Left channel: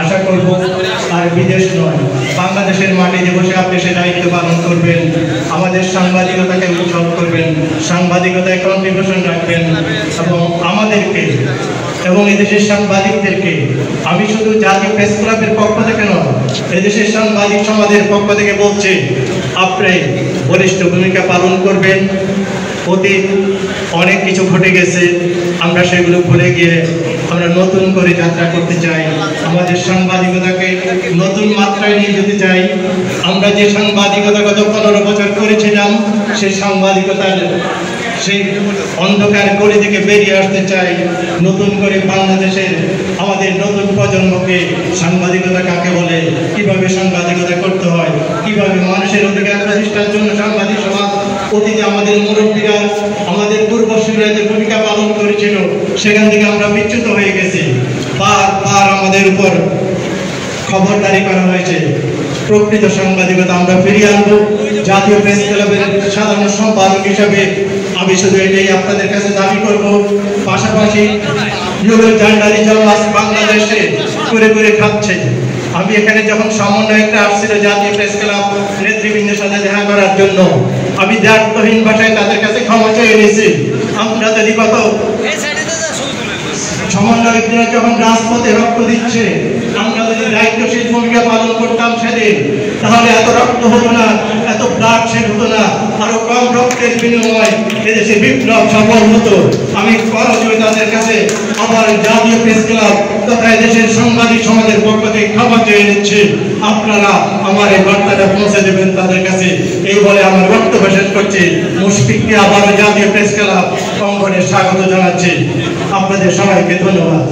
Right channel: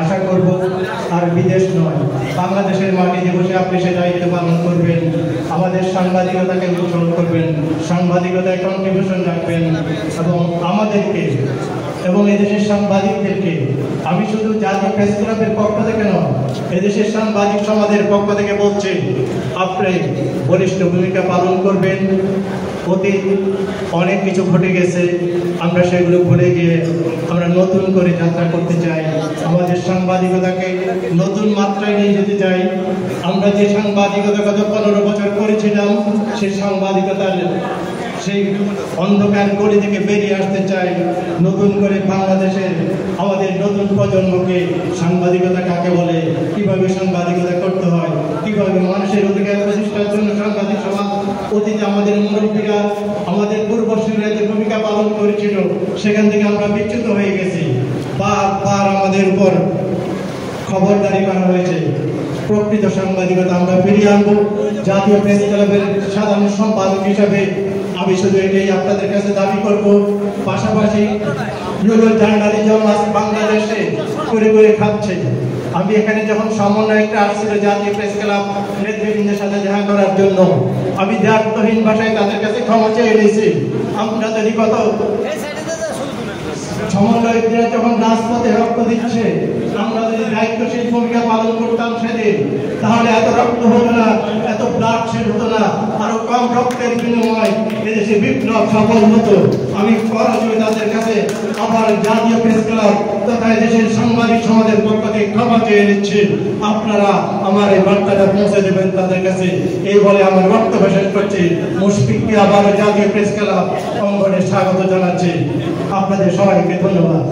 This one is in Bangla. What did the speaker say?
আশা করব আর বিদেশ নয়, বাংলাদেশের মাটিতে বসে আপনি সে দায়িত্ব পালন করবেন, আমাদের সাংবাদিকতাকে উৎসব করবেন, সাংবাদিকতায় কন্ট্রিবিউশন রাখবেন এবং আমাদেরকে এবং এদেশের সাংবাদিকদেরকে, আমি শুধু জাতীয় প্রেস ক্লাবের পক্ষ থেকে নয়, এদেশের সাংবাদিক সমাজের পক্ষ থেকে বলছি, আপনি বলিষ্ঠ ভূমিকা পালন করবেন। অতীত অনেক কিছু ঘটে গেছে, আমরা সেগুলো ভুলে গিয়ে আমরা নতুন করে যাত্রা করতে চাই, আমাদের সাংবাদিকতাকে নতুন মাত্রায় নিয়ে যেতে চাই। আমরা যে সাংবাদিকতা গত 15 বছর করেছিলাম, সেই সাংবাদিকতার সেই অন্ধকার গলি থেকে বেরিয়ে আসতে চাই। নতুন করে বাংলাদেশের আমাদের নতুন প্রজন্মকে সাংবাদিকতা কাকে বলে, কিভাবে সাংবাদিকতা করতে হয়, কিভাবে মানুষের অধিকার প্রতিষ্ঠার জন্য সাংবাদিক সমাজ অতীতে আমাদের মুরব্বীরা, আমাদের পূর্বসূরীরা যে ভূমিকা পালন করেছিল, সেখান থেকে আমরা বিচ্যুত হয়ে গেছি। বারবার আমাদের উপর খবরদারি করা হয়েছে। প্রকৃত সাংবাদিকতা আমরা ফিরিয়ে আনবো। জাতীয় প্রেস ক্লাবের সাধারণ সম্পাদক হিসাবে আমি শুধু এটাই আপনাদের কাছে দাবি করব। পাশাপাশি জার্নালিজম বাংলাদেশে করে করে খাচ্ছে। আমি এখানে যখন সামান্য একটা আসছিল জাতীয় প্রেস ক্লাব নেতৃবৃন্দের সাথে দেখা করার জন্য, আমি দায়িত্বহীন ভাষায় তাদের কাছে ক্ষমা চেয়ে নিয়েছি। আমরা যদি কত সমন্বয়করা যখন রাজপথে রক্ত দিচ্ছে, আমরা যদি দায়িত্বশীল ভূমিকা পালন করতাম সেদিন, তাহলে এত রক্ত হতো না, এত ব্লাড শেড হতো না, আরো কম রক্তের বিনিময়ে এদেশে বিপ্লব সফল হতো। আমি করজোড়ে তাদের কাছে আমার জাতীয় প্রেস ক্লাব তথা এদেশের সাংবাদিক সমাজের পক্ষ থেকে ক্ষমা চেয়ে নিচ্ছি। আপনারা আমার এই বার্তাটা পৌঁছে দেবেন তাদের কাছে, এই বলে আমার বক্তব্য শেষ করছি। মুশফিককে আবারও জাতীয় প্রেস ক্লাব অঙ্গনে স্বাগত জানাচ্ছি। আপনাদের সবাইকে ধন্যবাদ।